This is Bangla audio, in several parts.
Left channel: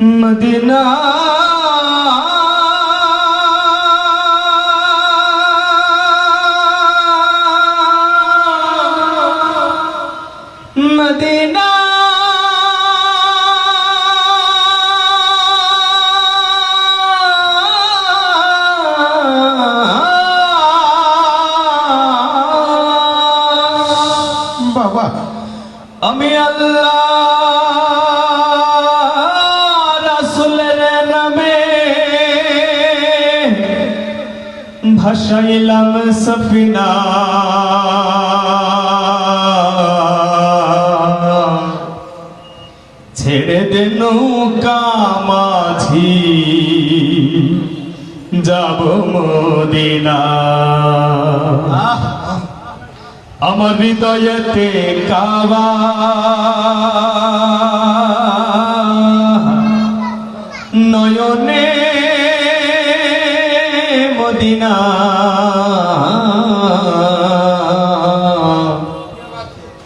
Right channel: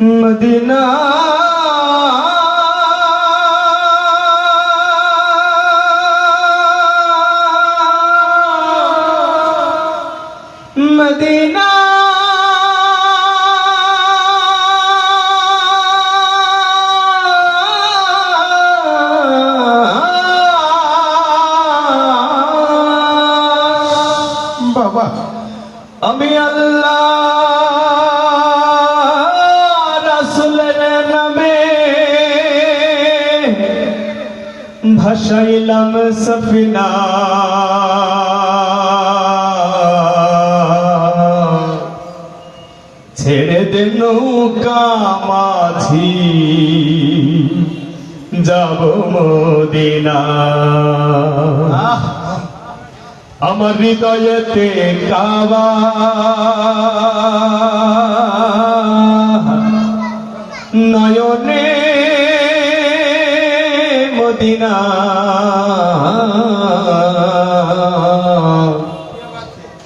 মদিনা মদিনা বাবা আমি আল্লাহ রাসূলের নামে ভাসাইলাম সফিনা ছেড়ে দে নৌকা মাঝি যাব মদিনা আমার হৃদয়েতে কাবা নয়নে মদিনা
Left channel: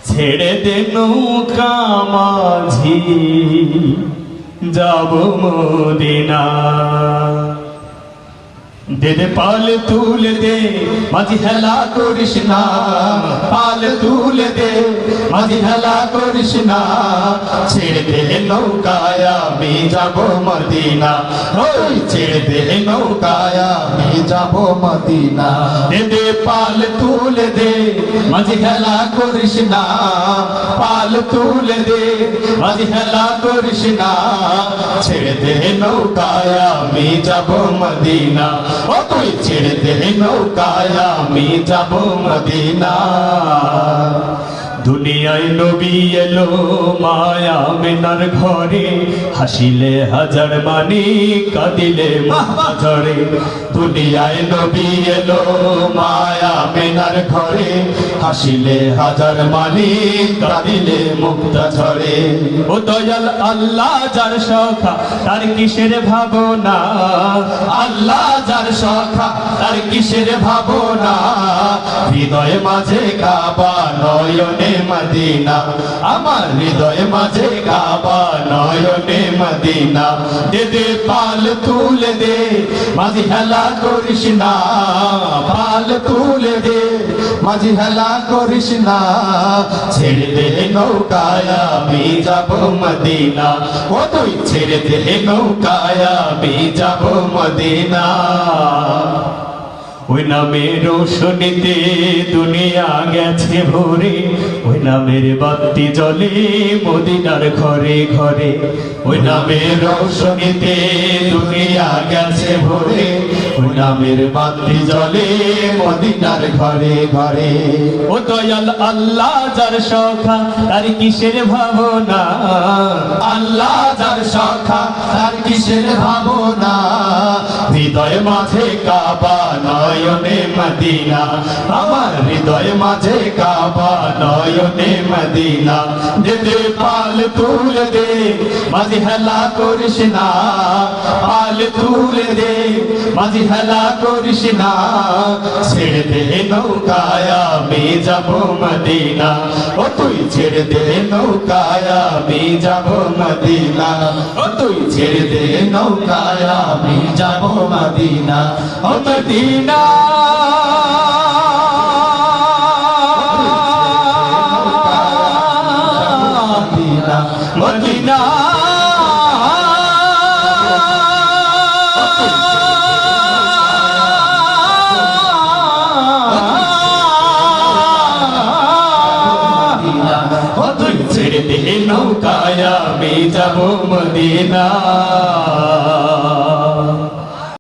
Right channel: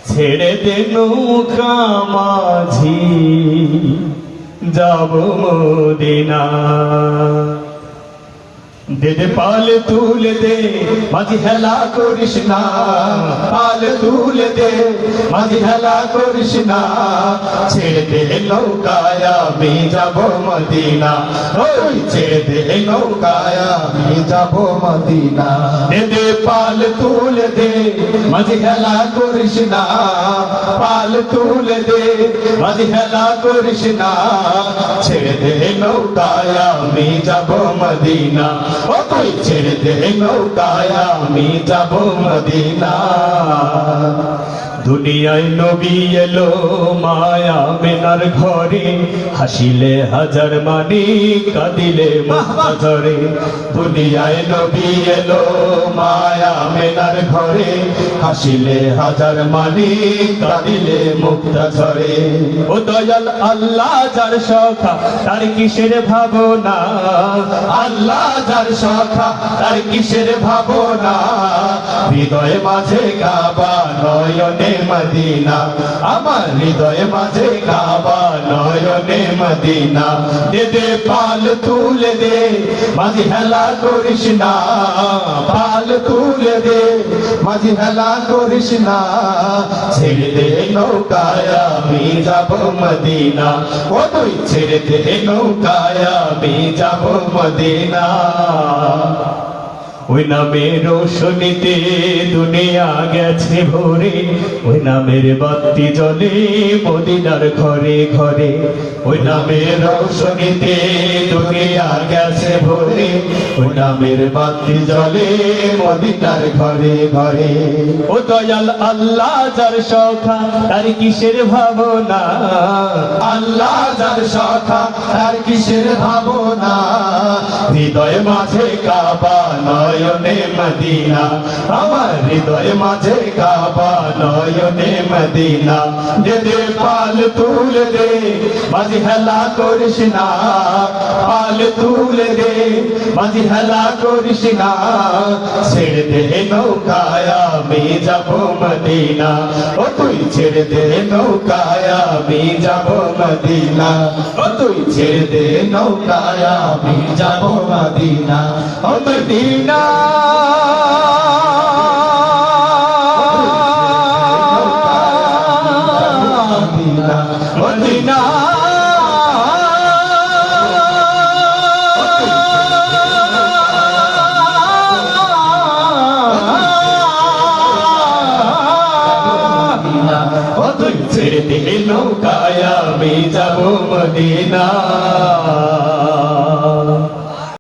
ছেড়ে দে নৌকা মাঝি যাব মদিনা দে দে পাল তুলে দে মাঝি হেলা করিস না পাল তুলে দে মাঝি হেলা করিস না ছেড়ে দে নৌকায় আমি যাব মদিনা ওই ছেড়ে দে নৌকায় আমি যাব মদিনা দে দে পাল তুলে দে মাঝি হেলা করিস না পাল তুলে দে মাঝি হেলা করিস না ছেড়ে দে নৌকায় আমি যাব মদিনা ও তুই ছেড়ে দে নৌকায় আমি যাব মদিনা দুনিয়ায় নবী এলো মায়া মেনার ঘরে হাসিলে হাজার মানি কাঁদিলে মুক্তা ঝরে দুনিয়ায় নবী এলো মায়া মেনার ঘরে হাসিলে হাজার মানি কাঁদিলে মুক্তা ঝরে ও দয়াল আল্লাহ যার সখা তার কিসের ভাবনা আল্লাহ যার সখা তার কিসের ভাবনা হৃদয় মাঝে কাবা নয়নে মদিনা আমার হৃদয় মাঝে কাবা নয়নে মদিনা দে দে পাল তুলে দে মাঝি হেলা করিস না পাল তুলে দে মাঝি হেলা করিস না ছেড়ে দে নৌকায় আমি যাব মদিনা ও তুই ছেড়ে দে নৌকায় আমি যাব মদিনা ওই নামের রোশনীতে দুনিয়া গেছে ভরে ওই নামের বাতি জ্বলে মদিনার ঘরে ঘরে ওই নামের রোশনীতে দুনিয়া গেছে ভরে ওই নামের বাতি জ্বলে মদিনার ঘরে ঘরে ও দয়াল আল্লাহ যার সখা তার কিসের ভাবনা আল্লাহ যার সখা তার কিসের ভাবনা হৃদয় মাঝে কাবা নয়নে মদিনা আমার হৃদয় মাঝে কাবা নয়নে মদিনা দে দে পাল তুলে দে মাঝি হেলা করিস না পাল তুলে দে মাঝি হেলা করিস না ছেড়ে দে নৌকায় আমি যাব মদিনা ও তুই ছেড়ে দে নৌকায় আমি যাব মদিনা ও তুই ছেড়ে দে নৌকায় আমি যাব Medina oh Medina Medina oh তুই ছেড়ে দে নৌকায় আমি যাব মদিনা।